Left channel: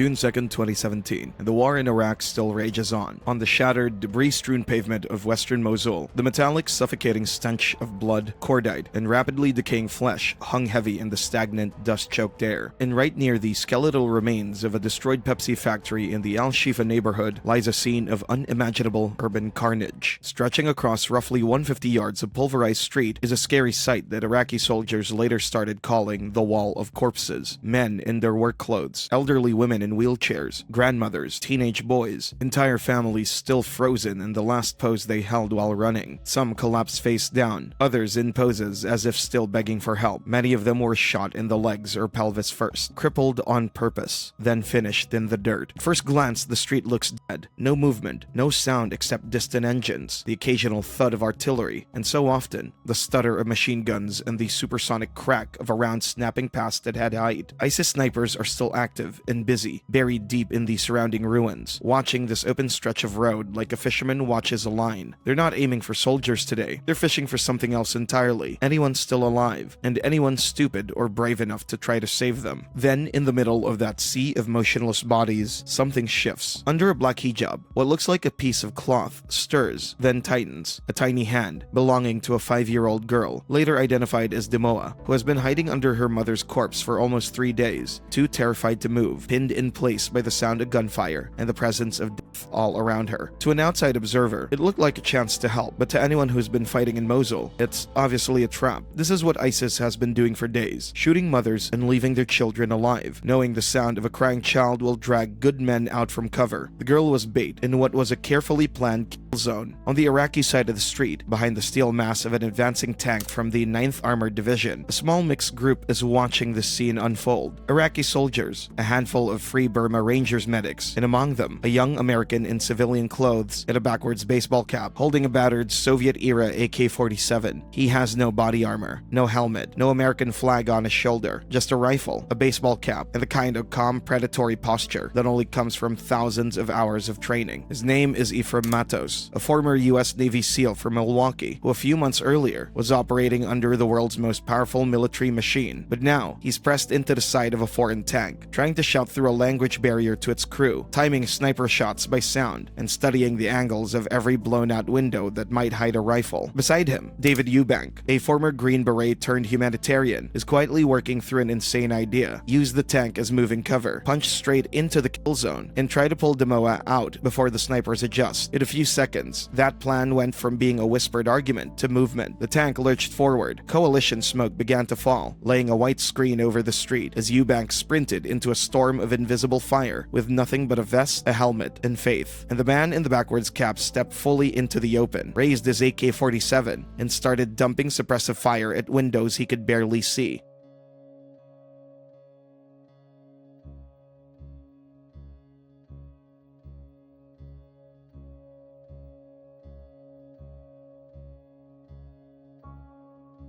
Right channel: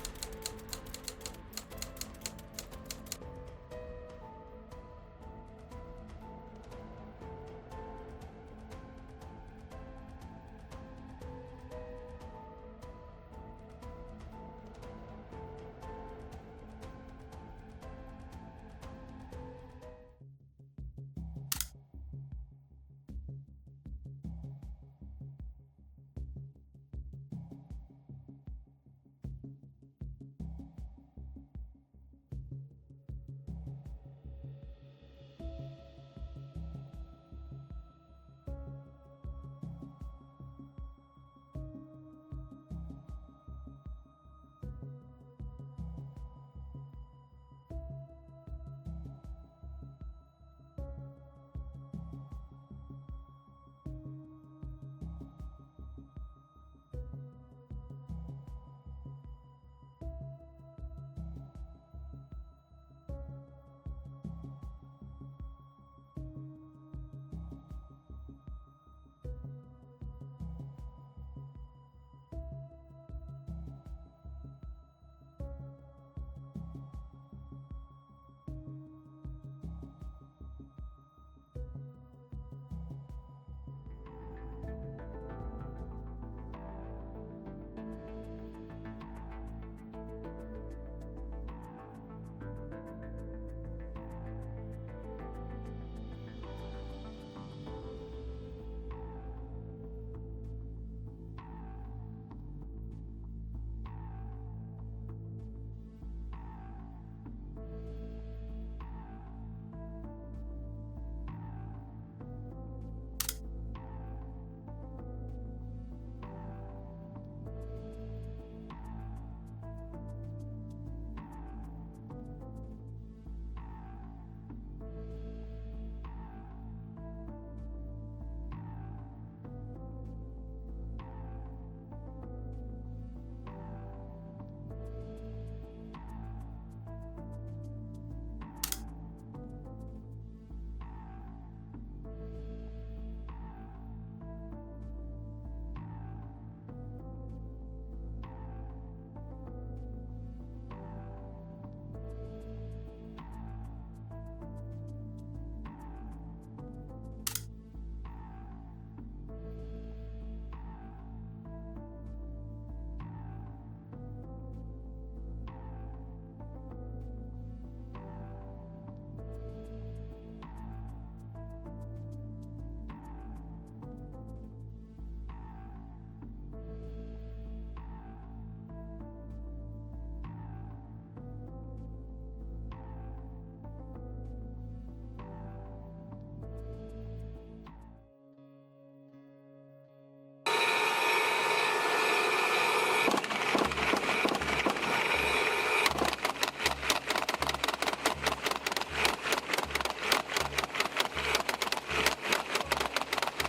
June 2, 2017, and the war in Iraq still rages on. On the shattered, debris-strewn pavement of western Mosul, the metallic, suffocating stench of blood, cordite, and rapidly decaying flesh hung heavy in the stagnant, dust-choked air. And right near the skeletal remains of a destroyed Pepsi factory in the Al-Shifa neighborhood lies a scene of unimaginable urban carnage. Stretching across roughly 150 yards of pulverized street is a scary sight that Iraqi soldiers later started calling the Wall of Corpses. Men in their work clothes, elderly women in wheelchairs, grandmothers, teenage boys, entire families still frozen in the last pose they held while running. Some collapsed face down, others in poses as if still begging for help. Many of them were shot in the legs or pelvis first, crippled on purpose, then finished in the dirt. At first glance, the street looks dead. No movement, no sound except distant engines, the occasional thud of artillery, and so often, the stutter of machine guns and the supersonic crack of a round snapping past at head height. ISIS snipers are still active and busy, buried deep in the surrounding ruins, watching this open stretch of road like a fisherman watches a line. They're not aiming for soldiers today. They're fishing for something else entirely. Anyone still alive, and anyone stupid or brave enough to try to save them. Then, in the middle of that sea of motionless bodies, something shifts. Under a black hijab, what looks like a piece of cloth stirs, then tightens. A tiny hand, belonging to a 5-year-old girl, later identified as Demoa, who has been hiding under her mother's corpse for almost 3 days, too terrified to move, pinned in place by the sound of gunfire and the presence of death all around her. To an outside observer, it looked like a chance to help, but to anyone who's been fighting in Mosul, it's obviously a trap. This is what ISIS has been doing for days, shooting mothers and leaving their children alive, knowing the sound of a crying child will drag good men out from cover. The girl was bait in what was a carefully planned kill zone. On the Iraqi side of the street, behind the steel mass of an advancing tank from the 9th Armored Division, a small mixed group is watching the scene unfold. Iraqi soldiers, a handful of Free Burma Rangers medics, and among them, a young American in civilian clothes and a backwards baseball cap, holding a battered Soviet-era AK-47. He has no body armor, no helmet, no American flag on his shoulder, just a rifle, a baseball cap, and the kind of calm, predatory posture that only comes from thousands of hours of training. His name is Ephraim Matos, a former U.S. Navy SEAL from Milwaukee, who a few months earlier was operating under the world's most powerful military machine. But now, he's pressed into the side of a foreign tank, trying to shout through a language barrier to its crew, timing sniper shots by sound, and studying the angles of every blown-out window that might hide a rifle. Beside him, David Eubank, a former Green Beret turned humanitarian, is quietly working through an insane idea. Use the tank as moving cover, punch straight into the kill zone, and try to pull Demoa out before the snipers adjust. In a few seconds, that plan went from being a whispered argument to movement. The tank lurched forward. Coalition smoke began to fall, laying a white screen over the street as Eubank sprinted into a storm of invisible fire with nothing but a vest, a helmet, and faith. And the man in the backwards cap stepped fully into the open, raised his AK-47, and started dumping suppressive fire at windows he could barely see.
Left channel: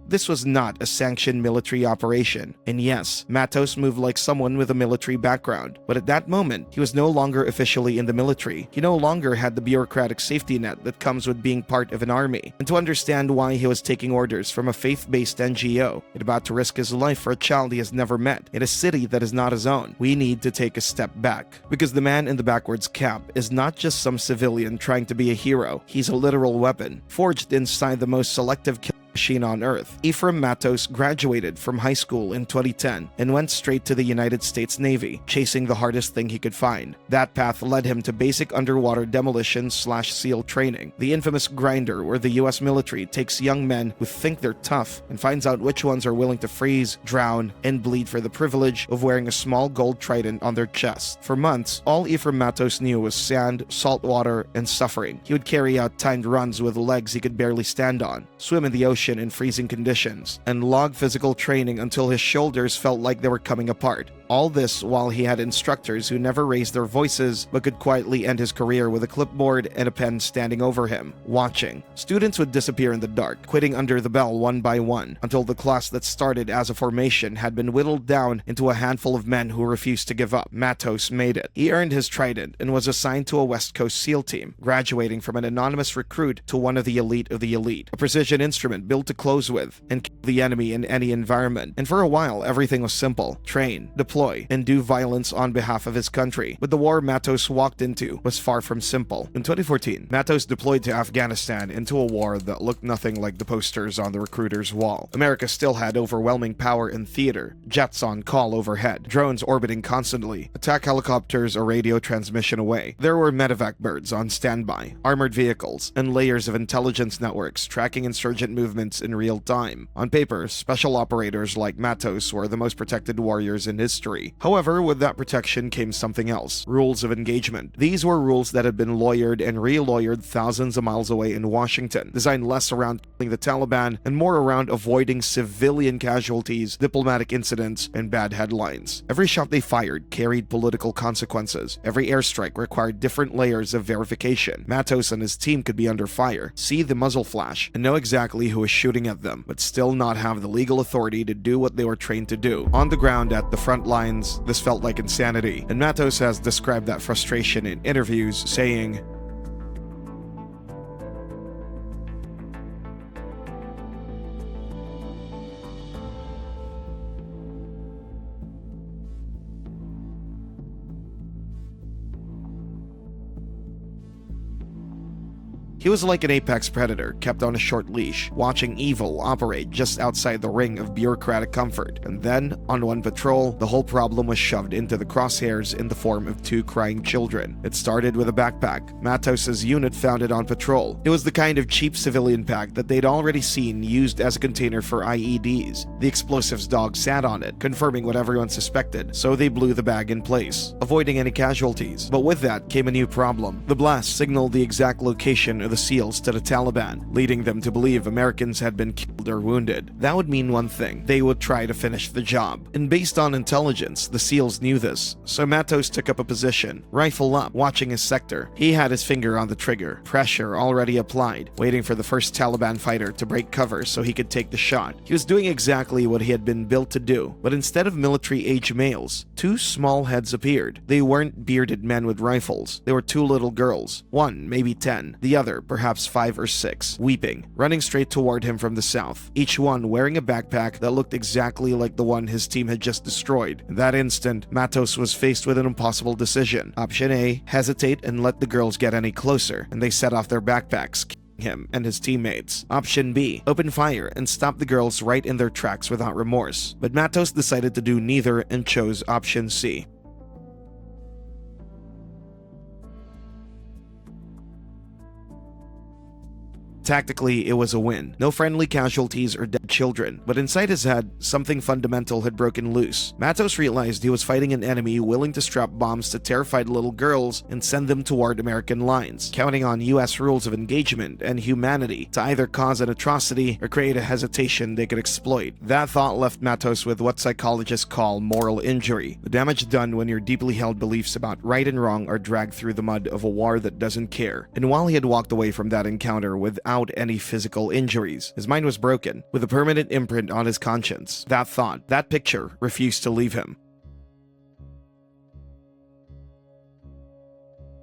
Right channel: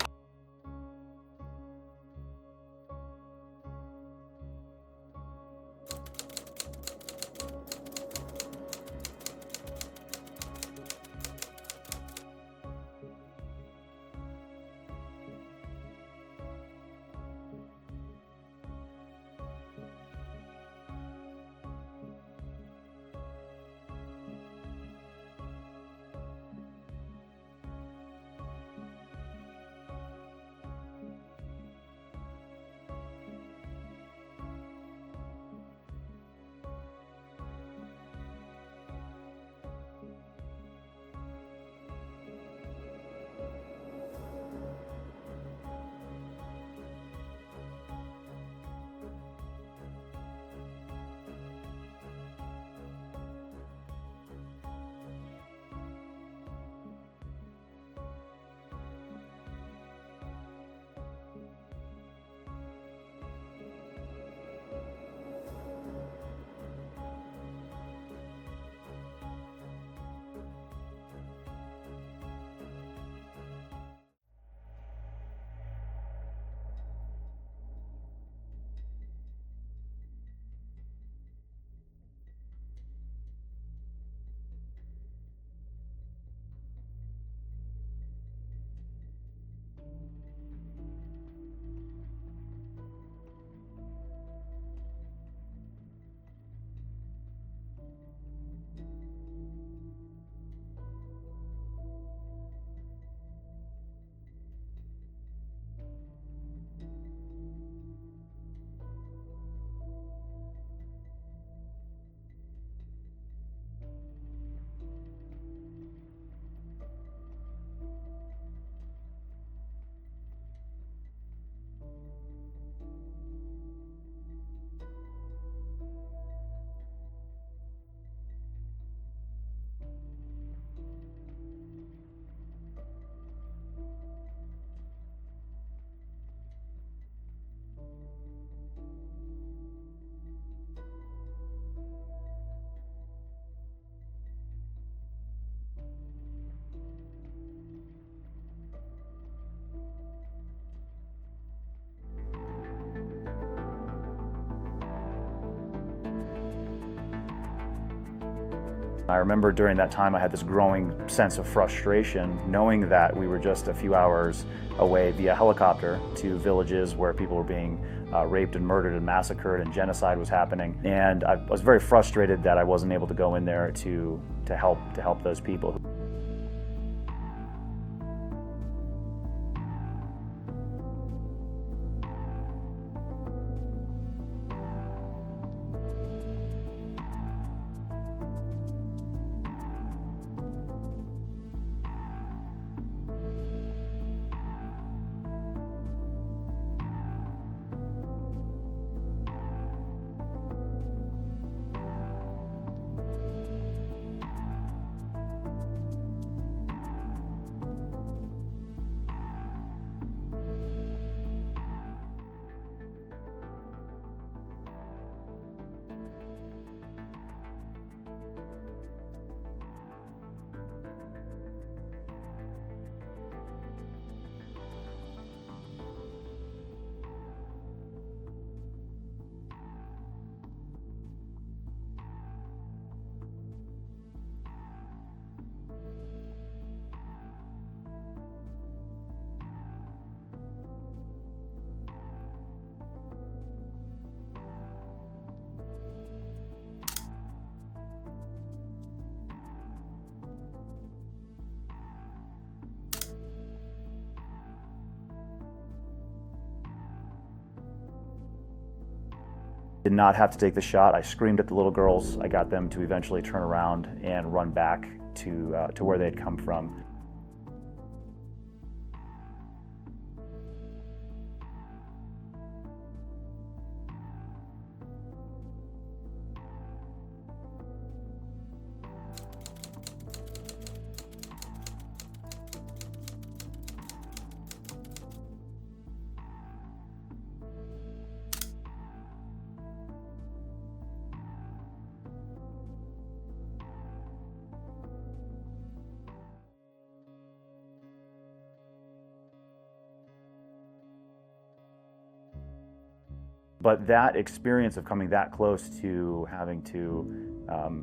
This was not a sanctioned military operation, and yes, Matos moved like someone with a military background, but at that moment, he was no longer officially in the military. He no longer had the bureaucratic safety net that comes with being part of an army. And to understand why he was taking orders from a faith-based NGO and about to risk his life for a child he has never met in a city that is not his own, we need to take a step back. Because the man in the backwards cap is not just some civilian trying to be a hero, he's a literal weapon, forged inside the most selective killing machine on Earth. Ephraim Matos graduated from high school in 2010 and went straight to the United States Navy, chasing the hardest thing he could find. That path led him to basic underwater demolition/SEAL training, the infamous grinder where the US military takes young men who think they're tough and finds out which ones are willing to freeze, drown, and bleed for the privilege of wearing a small gold trident on their chest. For months, all Ephraim Matos knew was sand, salt water, and suffering. He would carry out timed runs with legs he could barely stand on, swim in the ocean in freezing conditions, and log physical training until his shoulders felt like they were coming apart. All this while he had instructors who never raised their voices but could quietly end his career with a clipboard and a pen standing over him, watching. Students would disappear in the dark, quitting under the bell one by one, until the class that started as a formation had been whittled down into a handful of men who refused to give up. Matos made it. He earned his trident and was assigned to a West Coast SEAL team, graduating from an anonymous recruit to one of the elite, a precision instrument built to close with and kill the enemy in any environment. And for a while, everything was simple: train, deploy, and do violence on behalf of his country. But the war Matos walked into was far from simple. In 2014, Matos deployed to Afghanistan into a war that looked nothing like the posters on the recruiter's wall. America still had overwhelming power in theater, jets on call overhead, drones orbiting constantly, attack helicopters a radio transmission away. There were medevac birds on standby, armored vehicles, and layers of intelligence networks tracking insurgent movements in real time. On paper, special operators like Matos were the most protected warriors in history. However, with that protection came something else: rules of engagement. These were rules that had been lawyered and re-lawyered thousands of miles away in Washington, designed less around killing the Taliban and more around avoiding civilian casualties, diplomatic incidents, and bad headlines. Every shot they fired carried political consequences. Every airstrike required different layers of verification. Matos and his team could be under fire, see the muzzle flash, and know exactly who is shooting at them, but still not have the legal authority to do what they were trained to do. On the ground at the front lines, this felt like insanity, and Matos has described that frustration in interviews, saying, I remember during that time I had this growing sense of frustration, knowing that we were just a few hours away via helicopter to villages where people were being raped and murdered and massacred, and genocide was happening. And I was very frustrated that I wasn't able to go in there to help those people. He was like an apex predator kept on a short leash, watching evil operate just outside the ring of bureaucratic comfort. And then, on one patrol, the whole problem was shoved into the crosshairs in the form of two crying children. It started with a backpack Matos' unit found it on patrol. It was the kind of cheap civilian pack that they'd already seen used as a container for IEDs. The explosives dog sat on it, confirming what everyone suspected, so they blew the bag in place, avoiding any casualties. But with that came a new problem. The blast signaled the exact location of the SEALs to the Taliban, leading them to believe Americans had been killed or wounded. That would mean one thing: they would try to finish the job. And based on intelligence, the SEALs knew this, so Matos took up a position, rifle up, watching his sector. He had his finger on the trigger, pressure already applied, waiting for the first Taliban fighter to break cover so he could take the shot. He was doing exactly what he had been built to do, but instead of military-age males, two small heads appeared. They weren't bearded men with rifles. They were two little girls, one maybe 10, the other perhaps 5 or 6, weeping, running straight toward him from the south, each one wearing a backpack that looked exactly like the one his team had just destroyed. In that instant, Matos was faced with an impossible decision. Option A: hesitate and let the girls get any closer, and they set off their backpacks, him and his teammates. Option B: open fire and stop the girls right in their tracks without remorse. But Matos decided to do neither and chose option C. Did not have to take the shot. I screamed at the little girls. I got them to eventually turn around and run back to where they'd come from. Tactically, it was a win. No friendly casualties or dead children, but inside his head, something fundamental had broken loose. Matos realized he was fighting an enemy willing to strap bombs to terrified little girls and send them toward American lines, counting on US rules of engagement and humanity to either cause an atrocity or create a hesitation they could exploit. That thought left Matos with what psychologists call moral injury, the damage done when your deeply held beliefs about right and wrong are dragged through the mud of a war that doesn't care. And while he had walked away from that encounter without any physical injuries, his mind was broken, with a permanent imprint on his conscience. That thought, that picture, refused to leave him. But that experience of coming that close to having to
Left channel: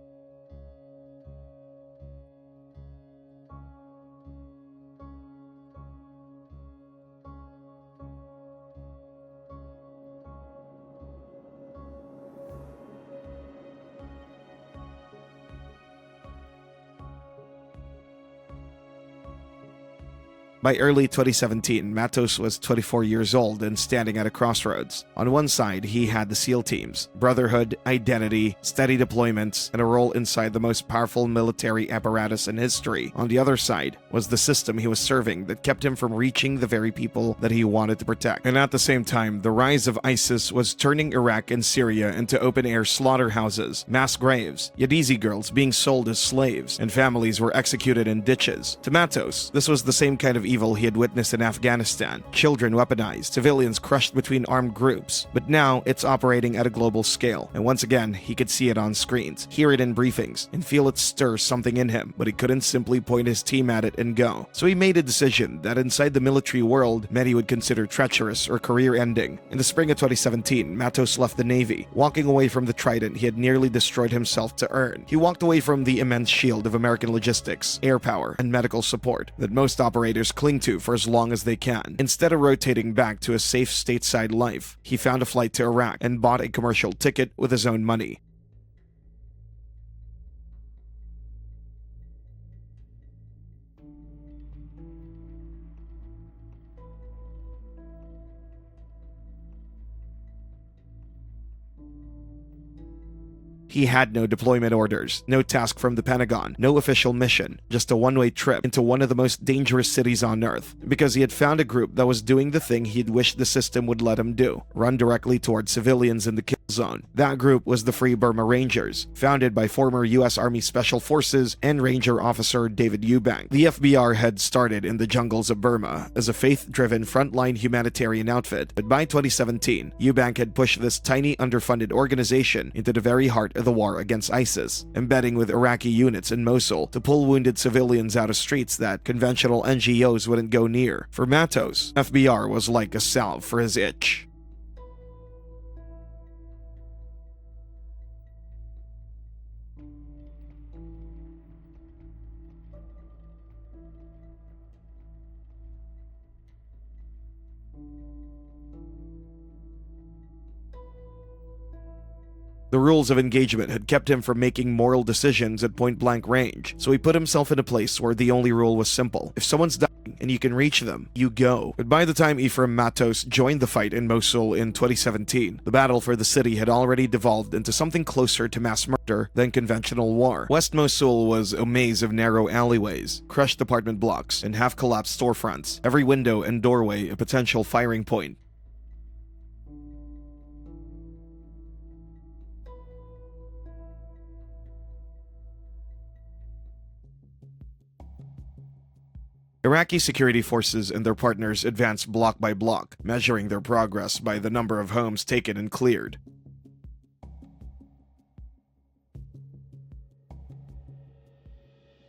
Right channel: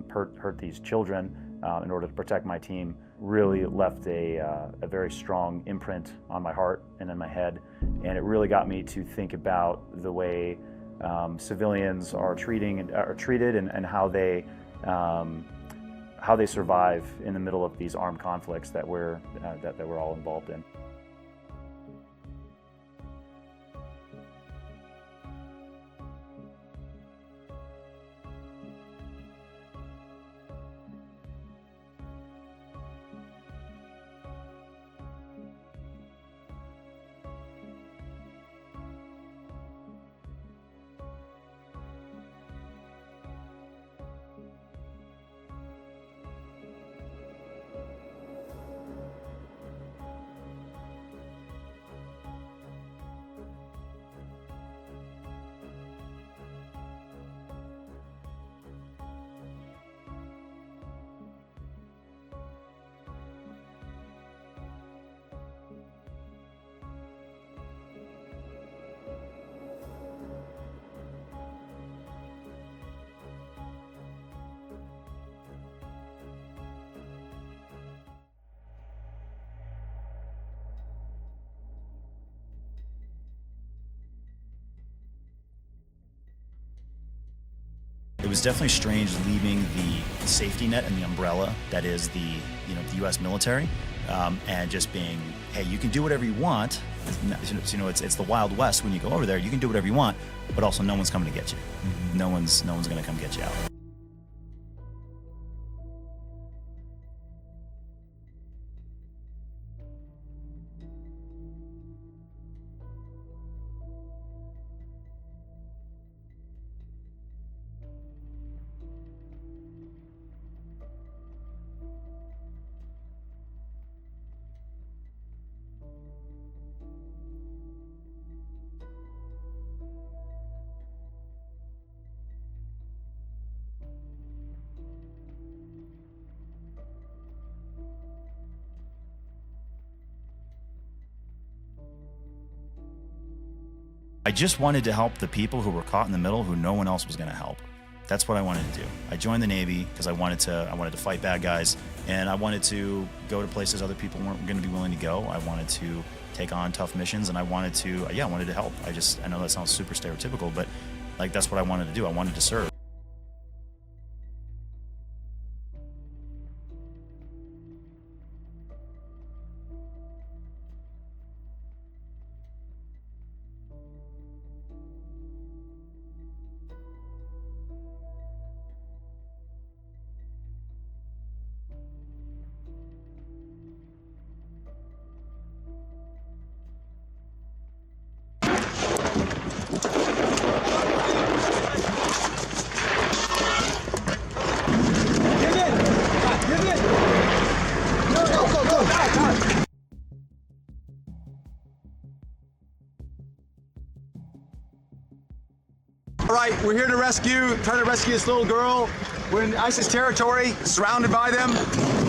hurt these children in order to protect my team really left a very strong imprint on my heart and in my head, and it really got me to think about the way civilians are treated and how they survive in the middle of these armed conflicts that we're all involved in. By early 2017, Matos was 24 years old and standing at a crossroads. On one side, he had the SEAL teams, brotherhood, identity, steady deployments, and a role inside the most powerful military apparatus in history. On the other side was the system he was serving that kept him from reaching the very people that he wanted to protect. And at the same time, the rise of ISIS was turning Iraq and Syria into open-air slaughterhouses, mass graves, Yazidi girls being sold as slaves, and families were executed in ditches. To Matos, this was the same kind of evil he had witnessed in Afghanistan: children weaponized, civilians crushed between armed groups. But now it's operating at a global scale, and once again he could see it on screens, hear it in briefings, and feel it stir something in him, but he couldn't simply point his team at it and go. So he made a decision that inside the military world many would consider treacherous or career-ending. In the spring of 2017, Matos left the Navy, walking away from the trident he had nearly destroyed himself to earn. He walked away from the the immense shield of American logistics, air power, and medical support that most operators cling to for as long as they can. Instead of rotating back to a safe stateside life, he found a flight to Iraq and bought a commercial ticket with his own money. It was definitely strange leaving the safety net and the umbrella that is the the U.S. military, and just being, hey, you can do whatever you want. It's the Wild West when you go over there. You can do whatever you want, but also no one's coming to get you. No one's going to come get you out. He had no deployment orders, no task from the Pentagon, no official mission, just a one-way trip into one of the most dangerous cities on Earth, because he had found a group that was doing the thing he'd wished the system would let him do: run directly toward civilians in the kill zone. That group was the Free Burma Rangers, founded by former U.S. Army Special Forces and Ranger officer David Eubank. The FBR had started in the jungles of Burma as a faith-driven frontline humanitarian outfit, but by 2017, Eubank had pushed this tiny underfunded organization into the very heart of the war against ISIS, embedding with Iraqi units in Mosul to pull wounded civilians out of streets that conventional NGOs wouldn't go near. For Matos, FBR was like a salve for his itch. I just wanted to help the people who were caught in the middle who no one else was going to help. That's what I wanted to do. I joined the Navy because I wanted to fight bad guys, and I wanted to go to places other people weren't going to be willing to go. I wanted to take on tough missions, and I wanted to help. I know that sounds super stereotypical, but that's what I wanted to do. I wanted to serve. The rules of engagement had kept him from making moral decisions at point-blank range, so he put himself in a place where the only rule was simple: if someone's dying and you can reach them, you go. But by the time Ephraim Matos joined the fight in Mosul in 2017, the battle for the city had already devolved into something closer to mass murder than conventional war. West Mosul was a maze of narrow alleyways, crushed apartment blocks, and half-collapsed storefronts, every window and doorway a potential firing point. Iraqi security forces and their partners advanced block by block, measuring their progress by the number of homes taken and cleared. All right, we're here to try to rescue this little girl. We're in ISIS territory, surrounded by them.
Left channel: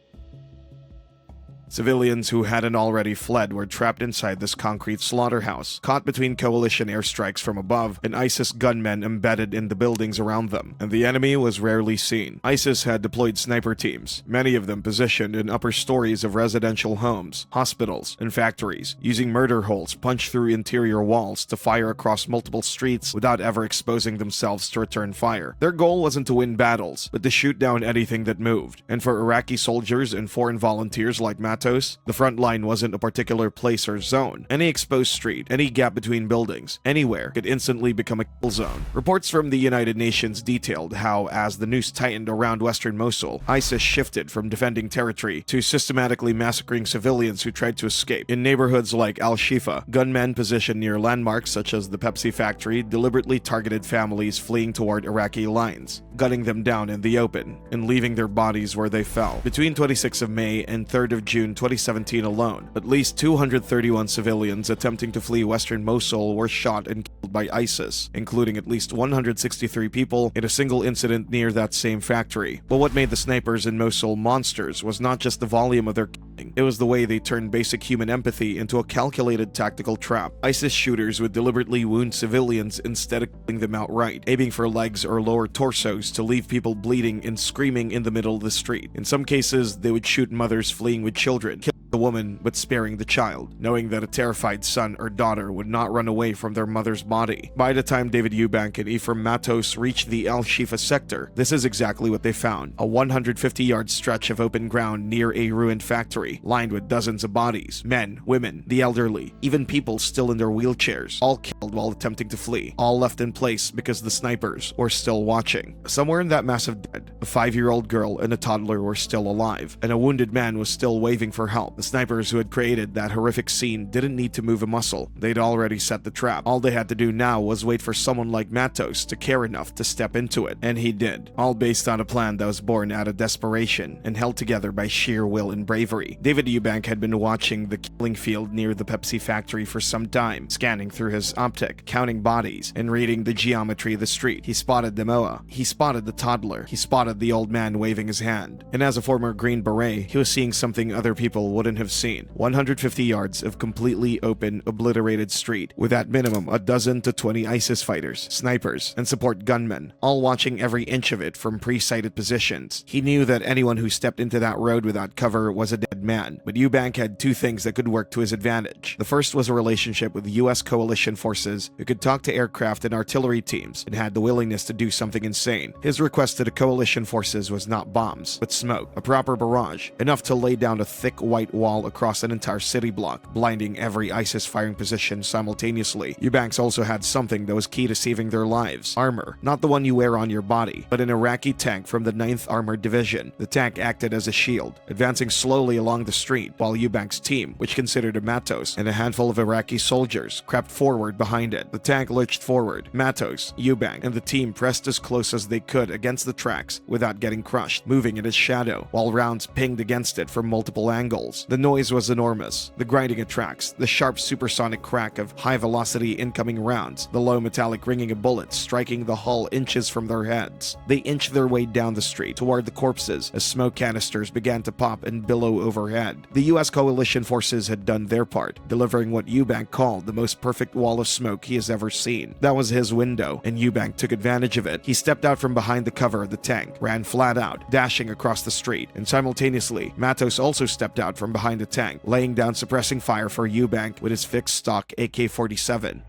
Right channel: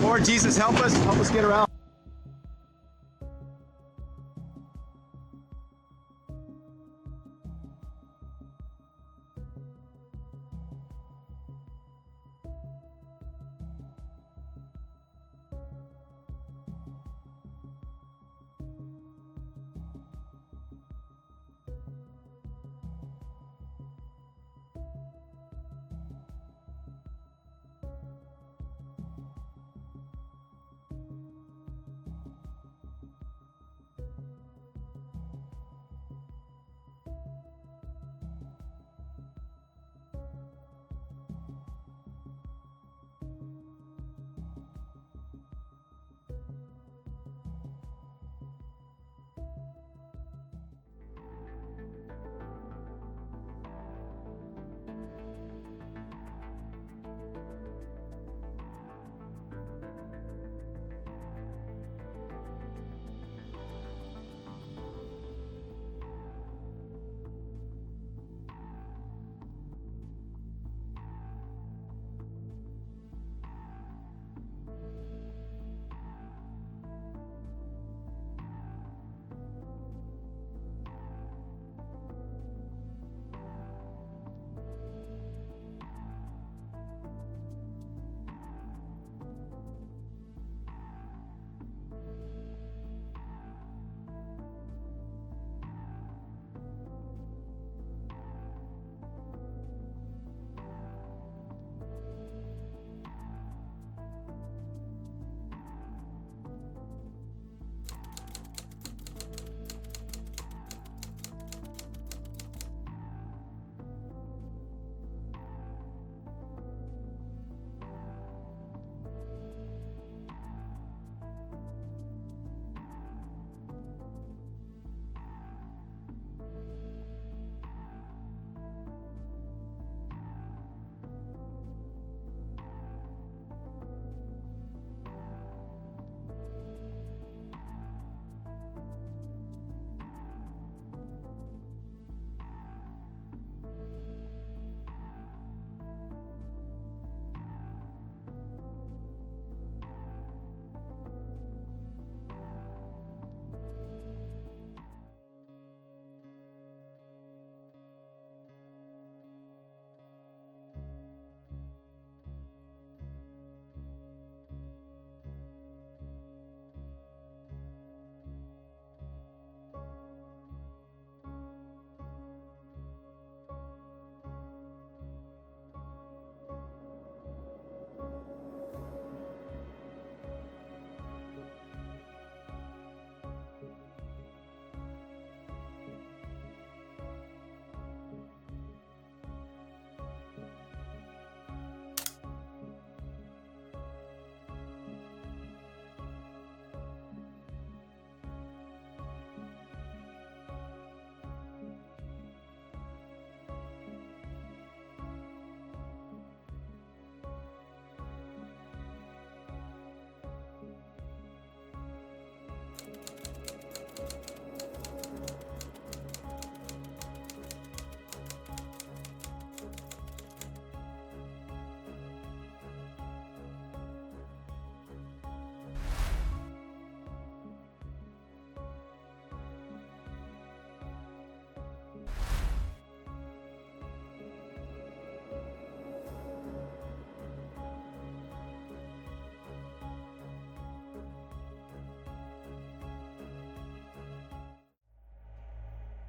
Lord Jesus, help us get her out. Civilians who hadn't already fled were trapped inside this concrete slaughterhouse, caught between coalition airstrikes from above and ISIS gunmen embedded in the buildings around them, and the enemy was rarely seen. ISIS had deployed sniper teams, many of them positioned in upper stories of residential homes, hospitals, and factories, using murder holes punched through interior walls to fire across multiple streets without ever exposing themselves to return fire. Their goal wasn't to win battles, but to shoot down anything that moved. And for Iraqi soldiers and foreign volunteers like Matos, the front line wasn't a particular place or zone. Any exposed street, any gap between buildings, anywhere could instantly become a kill zone. Reports from the United Nations detailed how, as the noose tightened around western Mosul, ISIS shifted from defending territory to systematically massacring civilians who tried to escape. In neighborhoods like Al-Shifa, gunmen positioned near landmarks such as the Pepsi factory deliberately targeted families fleeing toward Iraqi lines, gunning them down in the open and leaving their bodies where they fell. Between 26th of May and 3rd of June 2017 alone, at least 231 civilians attempting to flee western Mosul were shot and killed by ISIS, including at least 163 people in a single incident near that same factory. But what made the snipers in Mosul monsters was not just the volume of their killing, it was the way they turned basic human empathy into a calculated tactical trap. ISIS shooters would deliberately wound civilians instead of killing them outright, aiming for legs or lower torsos to leave people bleeding and screaming in the middle of the street. In some cases, they would shoot mothers fleeing with children, killing the woman but sparing the child, knowing that a terrified son or daughter would not run away from their mother's body. By the time David Eubank and Ephraim Matos reached the Al-Shifa sector, this is exactly what they found: a 150-yard stretch of open ground near a ruined factory, lined with dozens of bodies, men, women, the elderly, even people still in their wheelchairs, all killed while attempting to flee, all left in place because the snipers were still watching. Somewhere in that mass of dead, a 5-year-old girl and a toddler were still alive, and a wounded man was still waving for help. The snipers who had created that horrific scene didn't need to move a muscle. They'd already set the trap. All they had to do now was wait for someone like Matos to care enough to step into it, and he did. All based on a plan that was born out of desperation and held together by sheer will and bravery. David Eubank had been watching the killing field near the Pepsi factory for some time, scanning through his optic, counting bodies, and reading the geometry of the street. He spotted Demoa. He spotted the toddler. He spotted spotted the old man waving his hand. And as a former Green Beret, he was seeing something other people wouldn't have seen. 150 yards of completely open, obliterated street, with at minimum a dozen to 20 ISIS fighters, snipers, and support gunmen, all watching every inch of it from pre-sighted positions. He knew that anyone who stepped into that road without cover was a dead man, but Eubank had two things that could work to his advantage. The first was a relationship with US coalition forces who could talk to aircraft and artillery teams and had the willingness to do something insane. His request to the coalition forces was not bombs, but smoke, a proper barrage, enough to lay down a thick white wall across an entire city block, blinding every ISIS firing position simultaneously. Eubanks also had something that was key to saving their lives: armor. Not the one you wear on your body, but an Iraqi tank from the 9th Armored Division. The tank acted as a shield, advancing slowly along the street, while Eubank's team, which considered of Matos and a handful of Iraqi soldiers, crept forward behind it. The tank lurched forward. Matos, Eubank, and the team pressed as close as they could against the tracks without getting crushed, moving in its shadow, while rounds pinged against it from multiple angles. The noise was enormous. The grinding of tracks, the sharp supersonic crack of high-velocity incoming rounds, the low metallic ringing of bullets striking the hull inches from their heads. They inched their way down the street toward the corpses as smoke canisters began to pop and billow overhead. The US coalition forces had done their part, delivering what Eubank called the most perfect wall of smoke he has ever seen. That was his window, and Eubank took advantage of it. He stepped out from behind the cover of the tank, ran flat out, dashing across the street, and simultaneously, Matos also stepped out from behind the tank, laying down suppressing fire for Eubank with his fixed stock AK-47.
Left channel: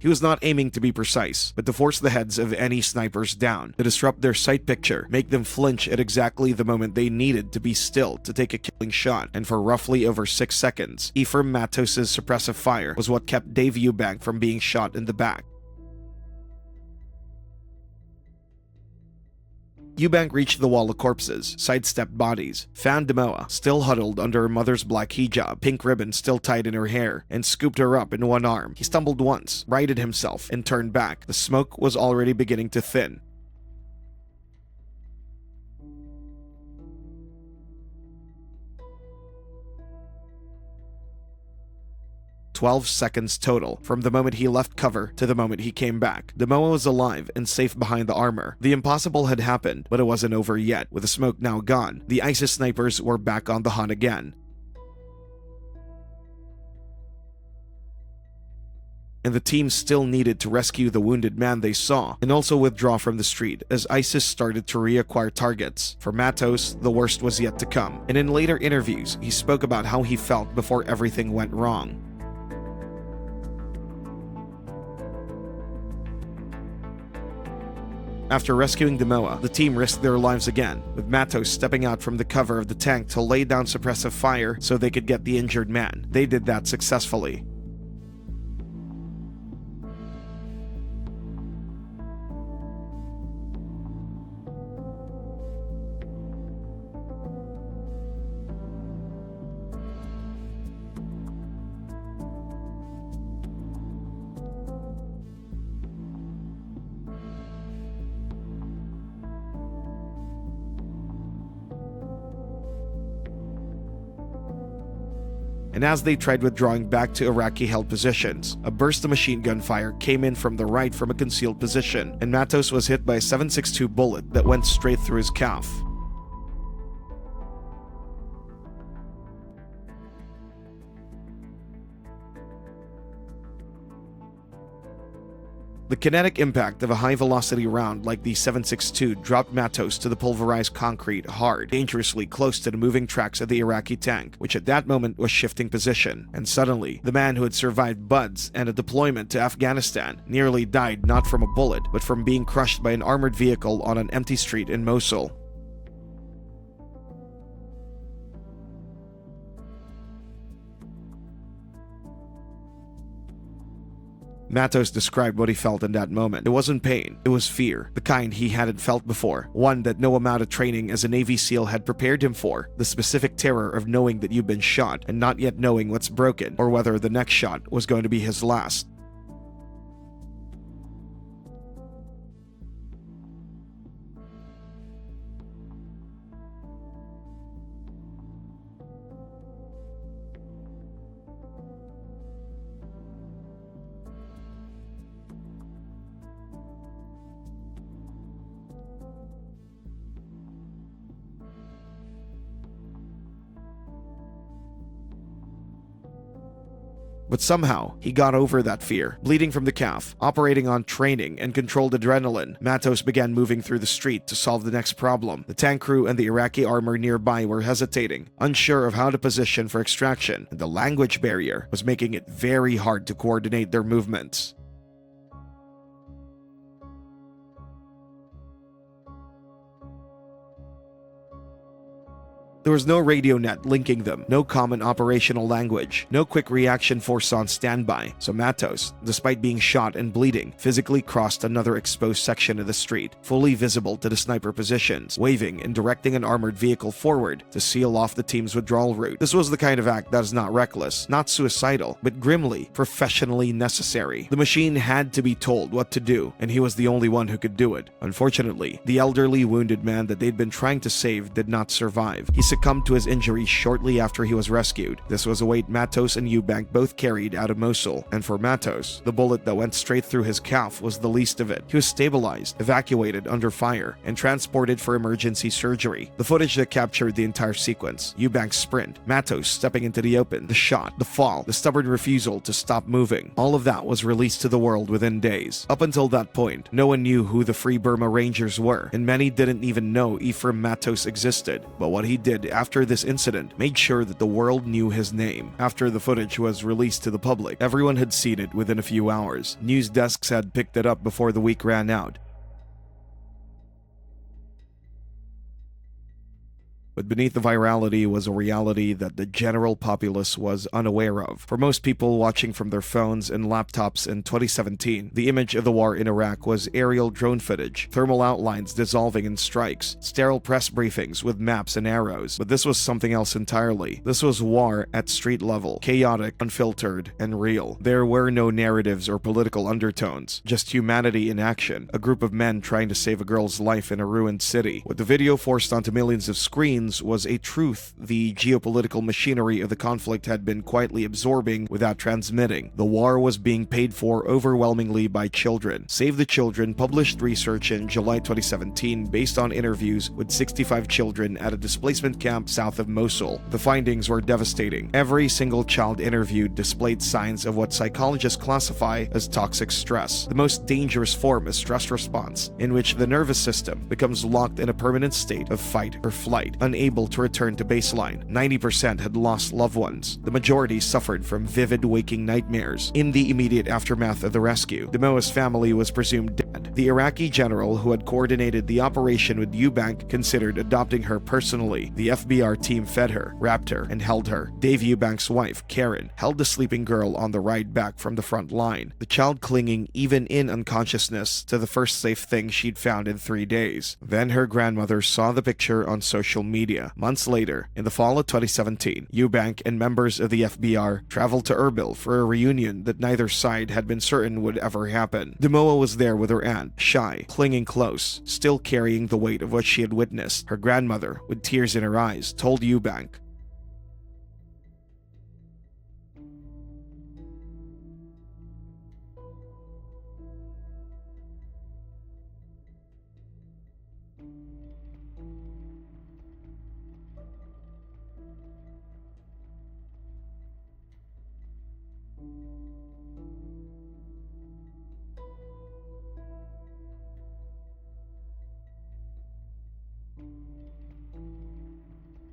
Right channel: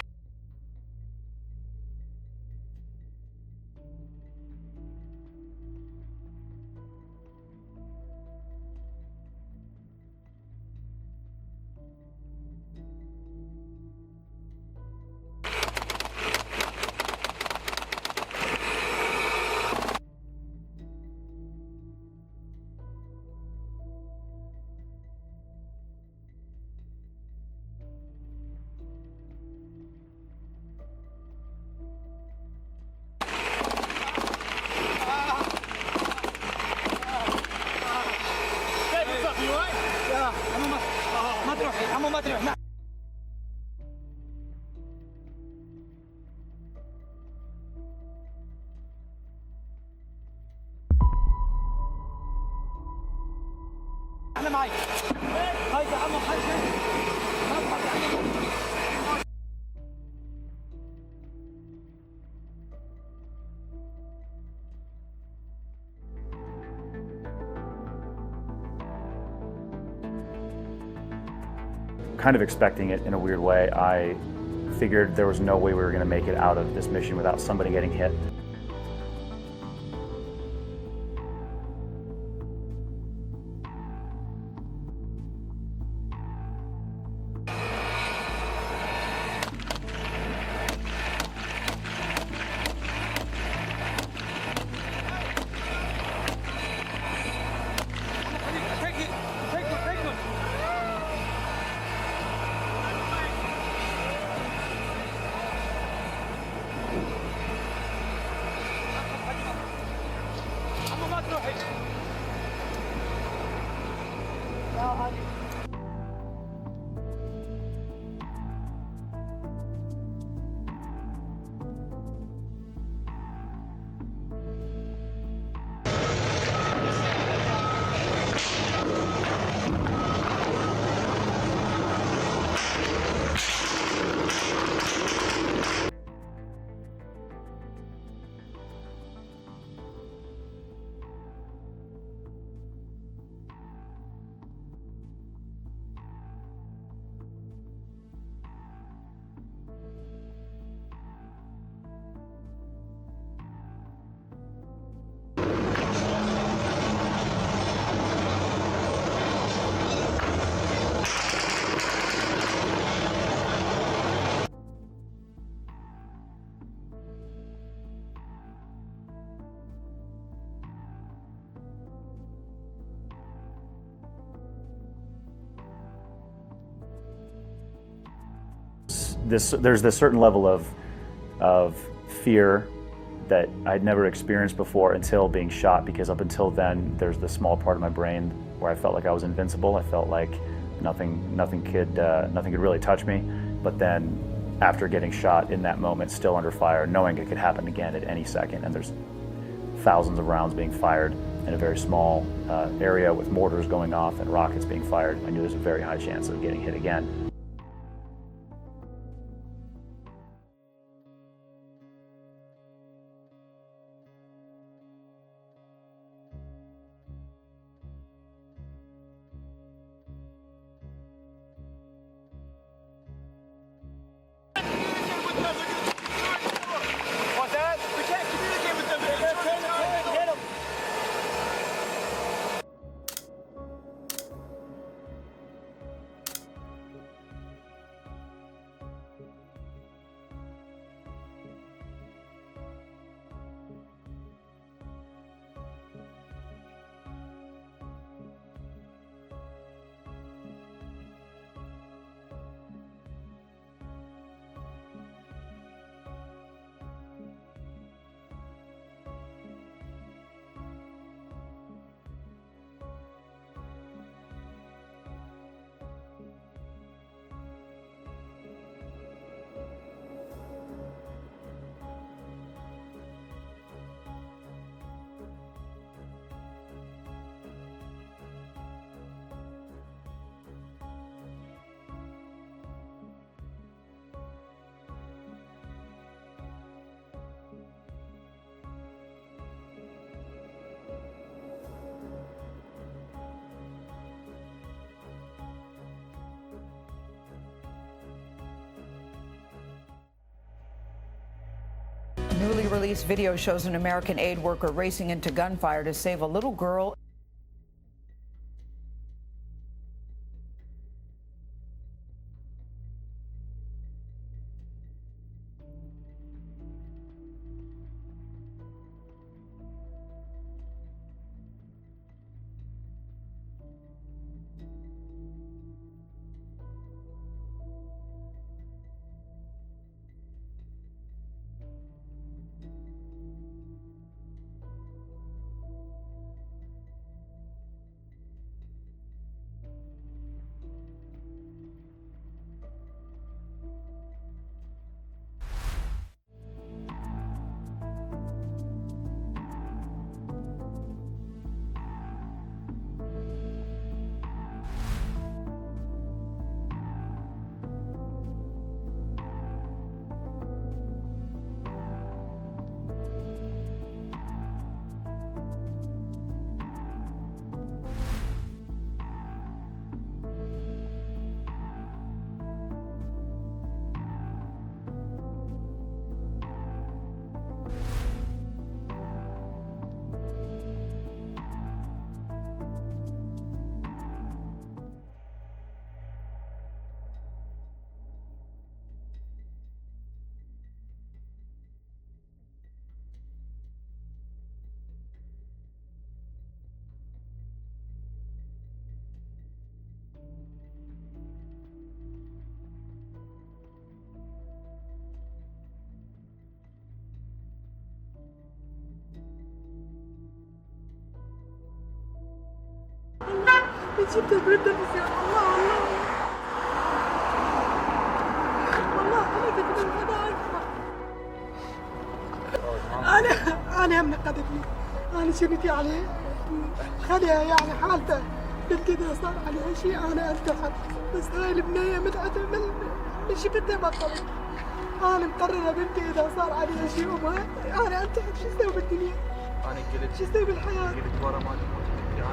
He was not aiming to be precise, but to force the heads of any snipers down, to disrupt their sight picture, make them flinch at exactly the moment they needed to be still to take a killing shot, and for roughly over 6 seconds, Ephraim Matos' suppressive fire was what kept Dave Eubank from being shot in the back. Eubank reached the wall of corpses, sidestepped bodies, found Demoa, still huddled under her mother's black hijab, pink ribbon still tied in her hair, and scooped her up in one arm. He stumbled once, righted himself, and turned back. The smoke was already beginning to thin. 12 seconds total, from the moment he left cover to the moment he came back. Demoa was alive and safe behind the armor. The impossible had happened, but it wasn't over yet. With the smoke now gone, the ISIS snipers were back on the hunt again. And the team still needed to rescue the wounded man they saw, and also withdraw from the street as ISIS started to reacquire targets. For Matos, the worst was yet to come, and in later interviews, he spoke about how he felt before everything went wrong. Kind of expecting it in a weird way. I figured there was no way we were going to make it out of this mission without somebody getting hit. After rescuing Demoa, the team risked their lives again, with Matos stepping out from the cover of the tank to lay down suppressive fire so they could get the injured man. They did that successfully. And as they tried withdrawing back to Iraqi-held positions, a burst of machine gun fire came in from the right from a concealed position, and Matos was hit by a 7.62 bullet that went straight through his calf. The kinetic impact of a high-velocity round like the 7.62 dropped Matos to the pulverized concrete hard, dangerously close to the moving tracks of the Iraqi tank, which at that moment was shifting position. And suddenly, the man who had survived Buds and a deployment to Afghanistan nearly died not from a bullet, but from being crushed by an armored vehicle on an empty street in Mosul. Matos described what he felt in that moment. It wasn't pain, it was fear, the kind he hadn't felt before, one that no amount of training as a Navy SEAL had prepared him for, the specific terror of knowing that you've been shot and not yet knowing what's broken, or whether the next shot was going to be his last. There's this certain level of fear that I'd never experienced before until being shot, because up until then, there's this small part of my brain where I felt like I was invincible. I felt like nothing could really touch me. But then, after getting shot in that moment, still under fire, knowing it could happen again at any second, and there's thousands of rounds being fired in a very small area with mortars going off and rockets being fired, I knew there's a very high chance of getting hit again. But somehow, he got over that fear. Bleeding from the calf, operating on training and controlled adrenaline, Matos began moving through the street to solve the next problem. The tank crew and the Iraqi armor nearby were hesitating, unsure of how to position for extraction, and the language barrier was making it very hard to coordinate their movements. There was no radio net linking them, no common operational language, no quick reaction force on standby, so Matos, despite being shot and bleeding, physically crossed another exposed section of the street, fully visible to the sniper positions, waving and directing an armored vehicle forward to seal off the team's withdrawal route. This was the kind of act that is not reckless, not suicidal, but grimly, professionally necessary. The machine had to be told what to do, and he was the only one who could do it. Unfortunately, the elderly wounded man that they'd been trying to save did not survive. He succumbed to his injuries shortly after he was rescued. This was a weight Matos and Eubank both carried out of Mosul, and for Matos, the bullet that went straight through his calf was the least of it. He was stabilized, evacuated under fire, and transported for emergency surgery. The footage that captured the entire sequence, Eubank's sprint, Matos stepping into the open, the shot, the fall, the stubborn refusal to stop moving, all of that was released to the world within days. Up until that point, no one knew who the Free Burma Rangers were, and many didn't even know Ephraim Matos existed. But what he did after this incident made sure that the world knew his name. After the footage was released to the public, everyone had seen it within a few hours. News desks had picked it up before the week ran out. Newly released video shows an American aid worker racing into gunfire to save a little girl. But beneath the virality was a reality that the general populace was unaware of. For most people watching from their phones and laptops in 2017, the image of the war in Iraq was aerial drone footage, thermal outlines dissolving in strikes, sterile press briefings with maps and arrows. But this was something else entirely. This was war at street level, chaotic, unfiltered, and real. There were no narratives or political undertones, just humanity in action, a group of men trying to save a girl's life in a ruined city. What the video forced onto millions of screens was a truth the geopolitical machinery of the conflict had been quietly absorbing without transmitting. The war was being paid for overwhelmingly by children. Save the Children published research in July 2017 based on interviews with 65 children at a displacement camp south of Mosul. The findings were devastating. Every single child interviewed displayed signs of what psychologists classify as toxic stress, the most dangerous form of stress response, in which the nervous system becomes locked in a permanent state of fight or flight, unable to return to baseline. 90% had lost loved ones. The majority suffered from vivid waking nightmares. In the immediate aftermath of the rescue, Demoa's family was presumed dead. The Iraqi general who had coordinated the operation with Eubank considered adopting her personally. The FBR team fed her, wrapped her, and held her. Dave Eubank's wife, Karen, held the sleeping girl on the ride back from the front line, the child clinging even in unconsciousness to the first safe thing she'd found in 3 days. Then her grandmother saw the picture on social media. Months later, in the fall of 2017, Eubank and members of the FBR traveled to Erbil for a reunion that neither side had been certain would ever happen. Demoa was there with her aunt, shy, clinging close, still carrying the weight of what she had witnessed. Her grandmother, with tears in her eyes, told Eubank, أنا من قدمي أنا شنتي عليه خدها يعني حالته بالكده صار عليها شيء أنا انتحر بس هاي البنية متعدة من شفتها بطل أنا مقررة بنتي إذا صار عليها شيء أنا انتحر شو أسوي بالدنيا شو أسوي بالحياة.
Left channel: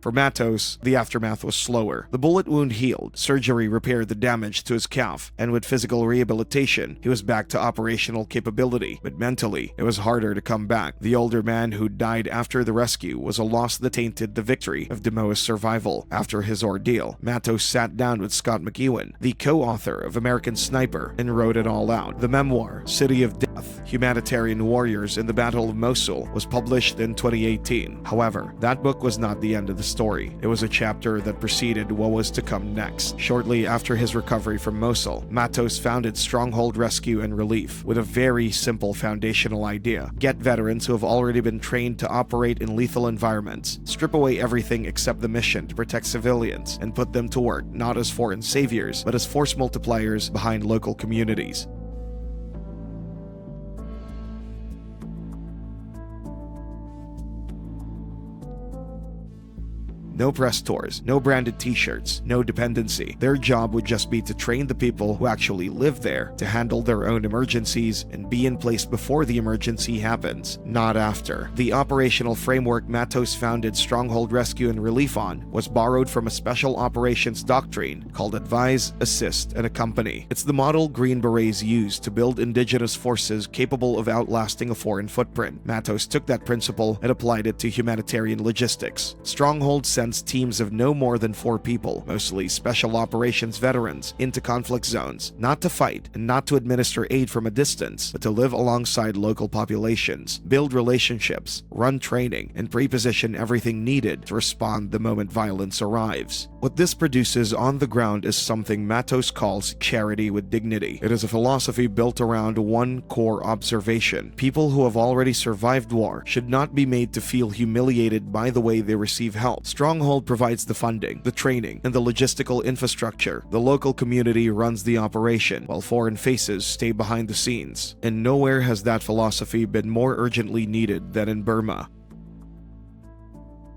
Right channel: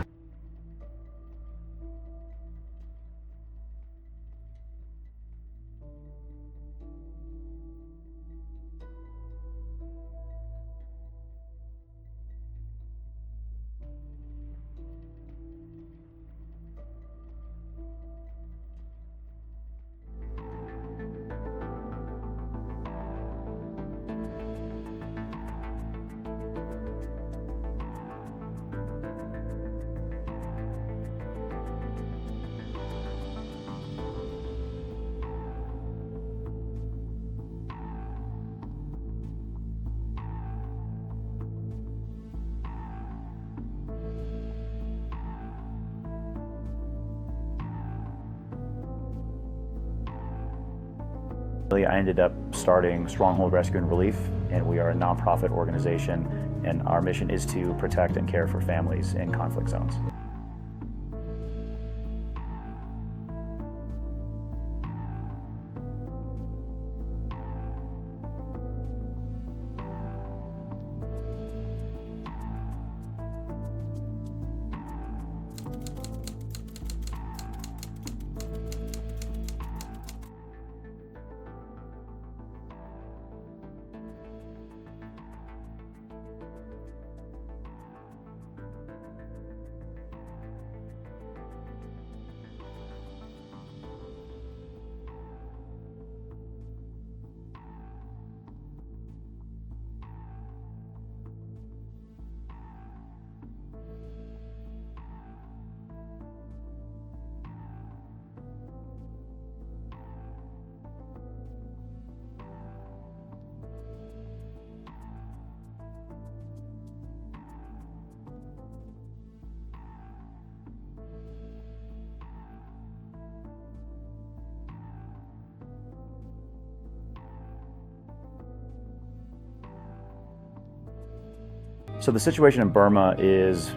For Matos, the aftermath was slower. The bullet wound healed, surgery repaired the damage to his calf, and with physical rehabilitation, he was back to operational capability. But mentally, it was harder to come back. The older man who died after the rescue was a loss that tainted the victory of Demoa's survival. After his ordeal, Matos sat down with Scott McEwen, the co-author of American Sniper, and wrote it all out. The memoir, City of Death, Humanitarian Warriors in the Battle of Mosul, was published in 2018. However, that book was not the end of the story. It was a chapter that preceded what was to come next. Shortly after his recovery from Mosul, Matos founded Stronghold Rescue and Relief with a very simple foundational idea: get veterans who have already been trained to operate in lethal environments, strip away everything except the mission to protect civilians, and put them to work not as foreign saviors, but as force multipliers behind local communities. I ended up starting Stronghold Rescue and Relief, and we are a nonprofit organization, and our mission is to protect and care for families in conflict zones. No press tours, no branded t-shirts, no dependency. Their job would just be to train the people who actually live there to handle their own emergencies and be in place before the emergency happens, not after. The operational framework Matos founded Stronghold Rescue and Relief on was borrowed from a special operations doctrine called Advise, Assist, and Accompany. It's the model Green Berets used to build indigenous forces capable of outlasting a foreign footprint. Matos took that principle and applied it to humanitarian logistics. Stronghold sends teams of no more than 4 people, mostly special operations veterans, into conflict zones, not to fight and not to administer aid from a distance, but to live alongside local populations, build relationships, run training, and pre-position everything needed to respond the moment violence arrives. What this produces on the ground is something Matos calls charity with dignity. It is a philosophy built around one core observation: people who have already survived war should not be made to feel humiliated by the way they receive help. Stronghold provides the funding, the training, and the logistical infrastructure. The local community runs the operation, while foreign faces stay behind the scenes. And nowhere has that philosophy been more urgently needed than in Burma. So the situation in Burma is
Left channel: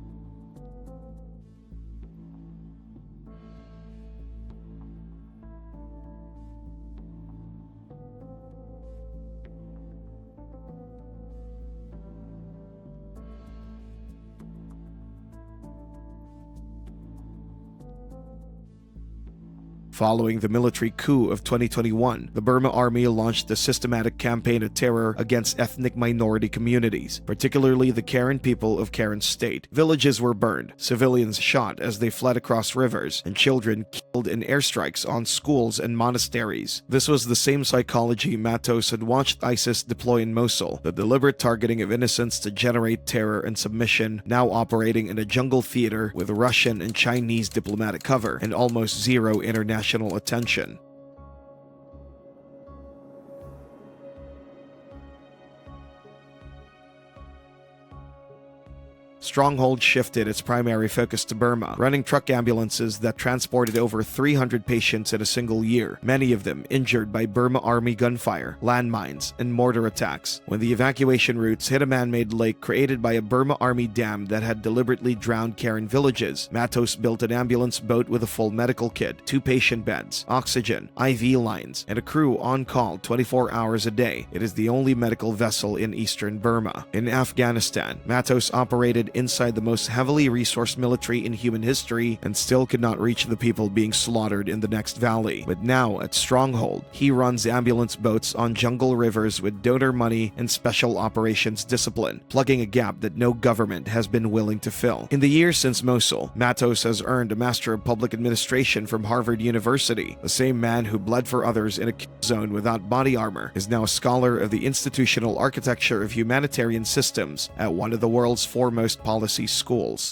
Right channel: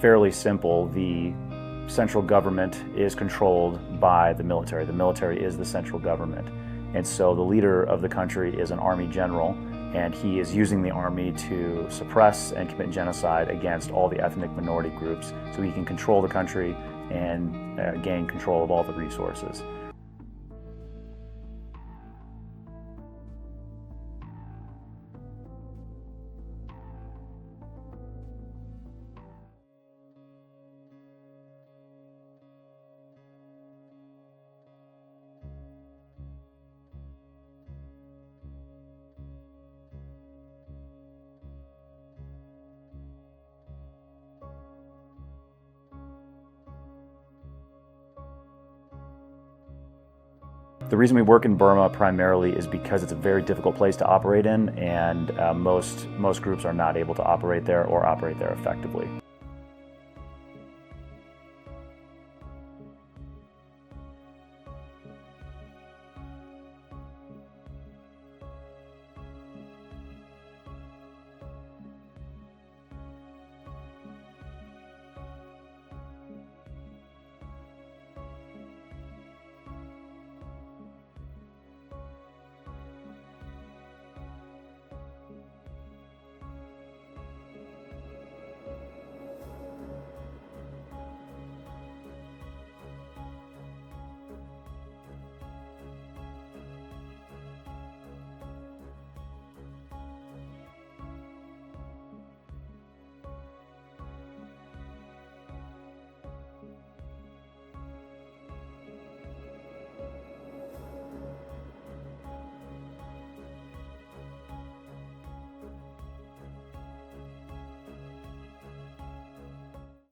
fairly simple. The central government is controlled by the military. The military is the central government. And so the leader of the country is an army general, and he is using the army to suppress and commit genocide against all the ethnic minority groups so he can control the country and gain control of all the resources. Following the military coup of 2021, the Burma Army launched a systematic campaign of terror against ethnic minority communities, particularly the Karen people of Karen State. Villages were burned, civilians shot as they fled across rivers, and children killed in airstrikes on schools and monasteries. This was the same psychology Matos had watched ISIS deploy in Mosul, the deliberate targeting of innocents to generate terror and submission, now operating in a jungle theater with Russian and Chinese diplomatic cover and almost zero international attention. The reason we work in Burma primarily is because it's a very difficult place to operate in, and most groups are not able to operate there or operate there effectively. Stronghold shifted its primary focus to Burma, running truck ambulances that transported over 300 patients in a single year, many of them injured by Burma Army gunfire, landmines, and mortar attacks. When the evacuation routes hit a man-made lake created by a Burma Army dam that had deliberately drowned Karen villages, Matos built an ambulance boat with a full medical kit, 2 patient beds, oxygen, IV lines, and a crew on call 24 hours a day. It is the only medical vessel in eastern Burma. In Afghanistan, Matos operated inside the most heavily resourced military in human history and still could not reach the people being slaughtered in the next valley. But now, at Stronghold, he runs ambulance boats on jungle rivers with donor money and special operations discipline, plugging a gap that no government has been willing to fill. In the years since Mosul, Matos has earned a Master of Public Administration from Harvard University. The same man who bled for others in a kill zone without body armor is now a scholar of the institutional architecture of humanitarian systems at one of the world's foremost policy schools.